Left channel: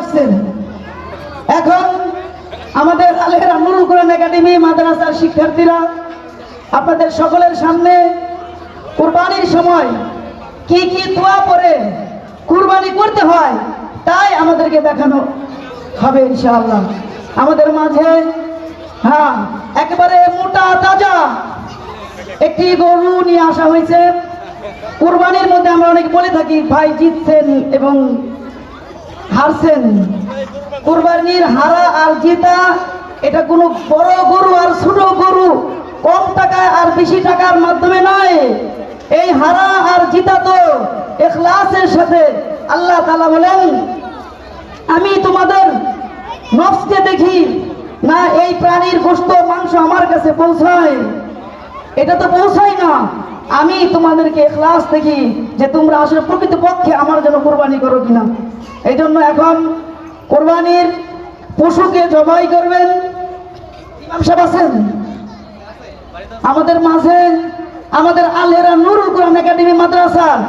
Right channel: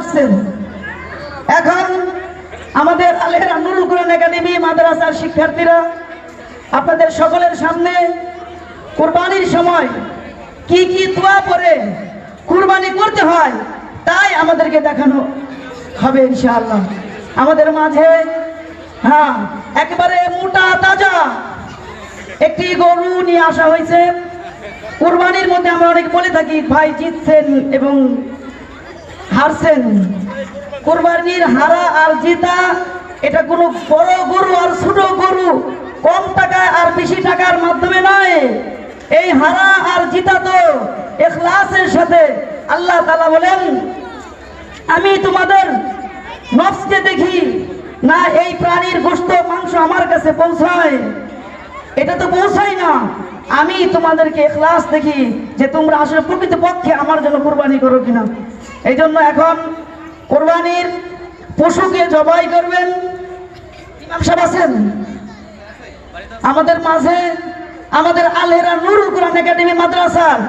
আসছেন। এখন আমাদের আলেরা নুরুল কোরআন একাডেমি মাদ্রাসার শিক্ষার্থীরা আপনাদের সকলের সামনে কুরবানির সময় কি কি দোয়া পড়ে কুরবানি করতে হয় তাই আমাদেরকে দেখানো হবে ইনশাআল্লাহ। আমাদের মাঝে একেবারে মোটা তাজা একটি গরু নিয়ে আসা হয়েছে। কুরবানির মধ্যে আমরা অনেক বলে থাকি ভাই জিতছেন এবং হারছেন। কুরবানির হারা আর জেতা এটা কোনো বড় গরু আর ছোট গরু, কম টাকা আর বেশি টাকার মাধ্যমে নয়। এই হারা আর জিতা তো ইখলাসের সাথে। আল্লাহ তাআলা বলেন, আমি তোমাদের নফসকে দেখি না, এই প্রাণীর গোশত মাংস আমার কাছে পৌঁছায়, এটা তো পৌঁছায় না। আমি তোমাদেরকে ইখলাস দেখি যে তোমরা আসলে প্রকৃতপক্ষে আমার জন্য কুরবানি করো কিনা। এই জন্য এখন কুরবানির পশুকে জবাই করবেন। ইমাম সাহেব আছেন আমাদের মাঝে, আমাদের আলেরা নুরুল কোরআন একাডেমি মাদ্রাসার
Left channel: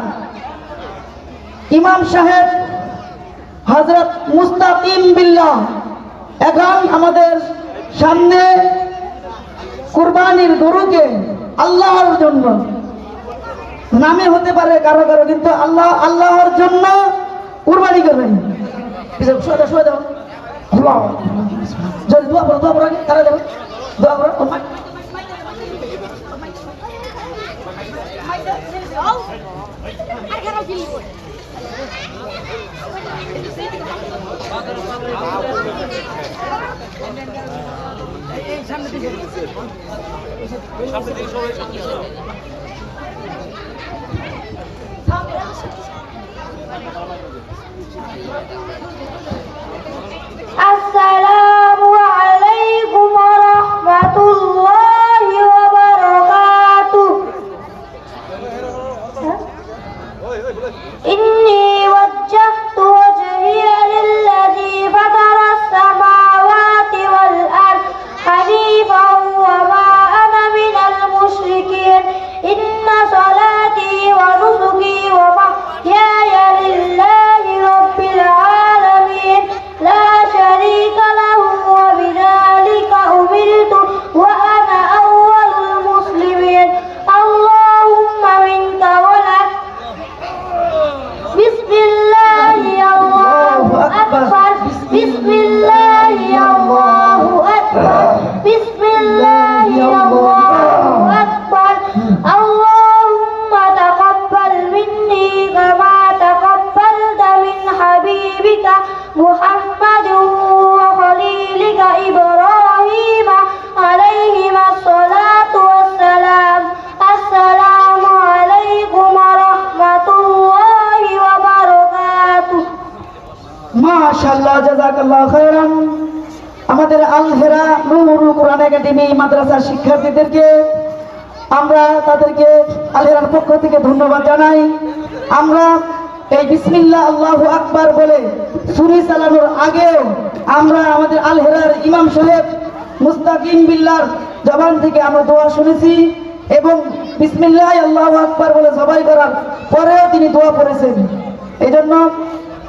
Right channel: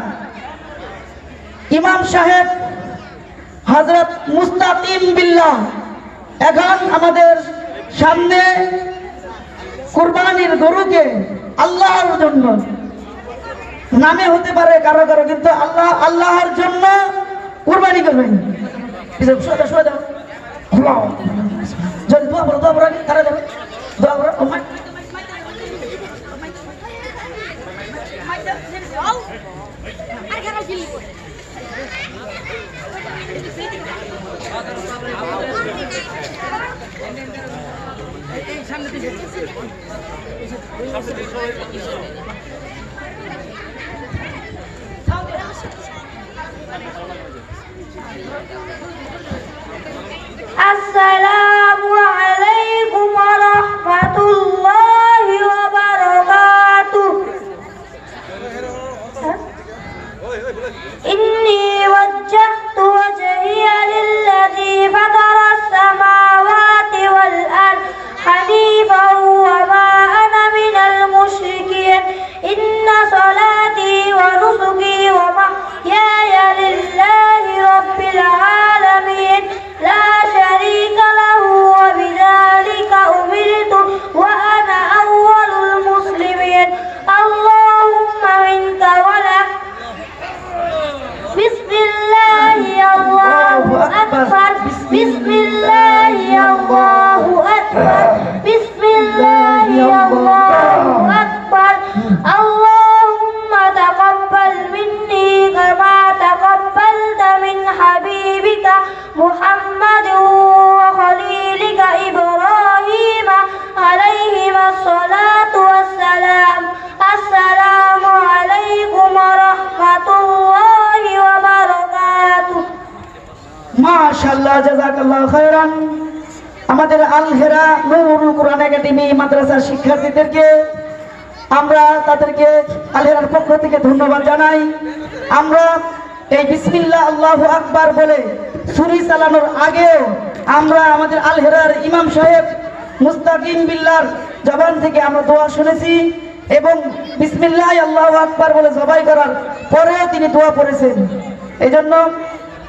ইমাম সাহেব হযরত মুস্তাকিম বিল্লাহ এখন আমাদের সামনে কুরবানির গরুকে আল্লাহর জন্য, নামে হতে পারে কারো কারো, কিন্তু আল্লাহর জন্য কুরবানি করবেন। আসসালামু আলাইকুম ওয়া রাহমাতুল্লাহি ওয়া বারাকাতুহু। ইন্নী ওয়াজ্জাহতু ওয়াজহিয়া লিল্লাযী ফাতারাস সামাওয়াতি ওয়াল আরদ হানিফান ওয়া মা আনা মিনাল মুশরিকিন। ইন্না সালাতি ওয়া নুসুকি ওয়া মাহইয়ায়া লিল্লাহি রাব্বিল আলামিন লা শারীকা লাহু ওয়া বিযালিকা উমিরতু ওয়া আনা আউওয়ালুল মুসলিমিন। আল্লাহুম্মা মিনকা ওয়া লাক। বিসমিল্লাহি আল্লাহু আকবার। বিসমিল্লাহি আল্লাহু আকবার। বিসমিল্লাহি আল্লাহু আকবার। আল্লাহুম্মা তাকাব্বাল মিন্নি কামা তাকাব্বালতা মিন হাবিবিকা মুহাম্মাদিন ওয়া খলিলিকা ইব্রাহিম আলাইহিমাস সালাতু ওয়াস সালাম। আসসালামু আলাইকুম ওয়া রাহমাতুল্লাহি ওয়া বারাকাতুহু। মাশাআল্লাহ, জাযাকাল্লাহু খায়রান। আমাদের আলহেরা নুরুল কোরআন একাডেমি মাদ্রাসার শিক্ষার্থীদেরকে আমরা তাদেরকে আলহেরার পক্ষ থেকে ধন্যবাদ জানাই। আমরা এই বিসমিল্লাহ আল্লাহু আকবার বলে ছুরি চালানোর আগেও আমরা আমাদের আলহেরার ইমাম সাহেব মুস্তাকিম বিল্লাহর জবান থেকে আমরা দোয়া শুনেছি এবং বিসমিল্লাহ আল্লাহু আকবার বলে জবাই করার পরেও তিনি দোয়া করেছেন। এই জন্য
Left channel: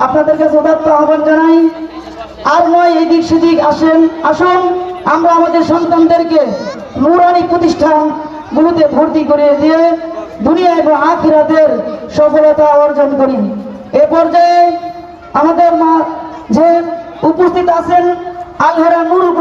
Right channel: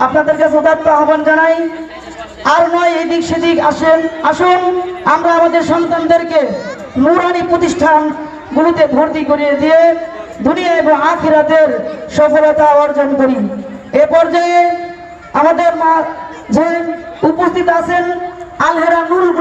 আপনাদের কাছে উদাত্ত আহ্বান জানাই, আর নয় এদিক সেদিক আসুন আমরা আমাদের সন্তানদেরকে নূরানি প্রতিষ্ঠানগুলোতে ভর্তি করিয়ে দিয়ে দুনিয়া এবং আখিরাতের সফলতা অর্জন করি। এ পর্যায়ে আমাদের মাঝে উপস্থিত আছেন আলহেরা নুরুল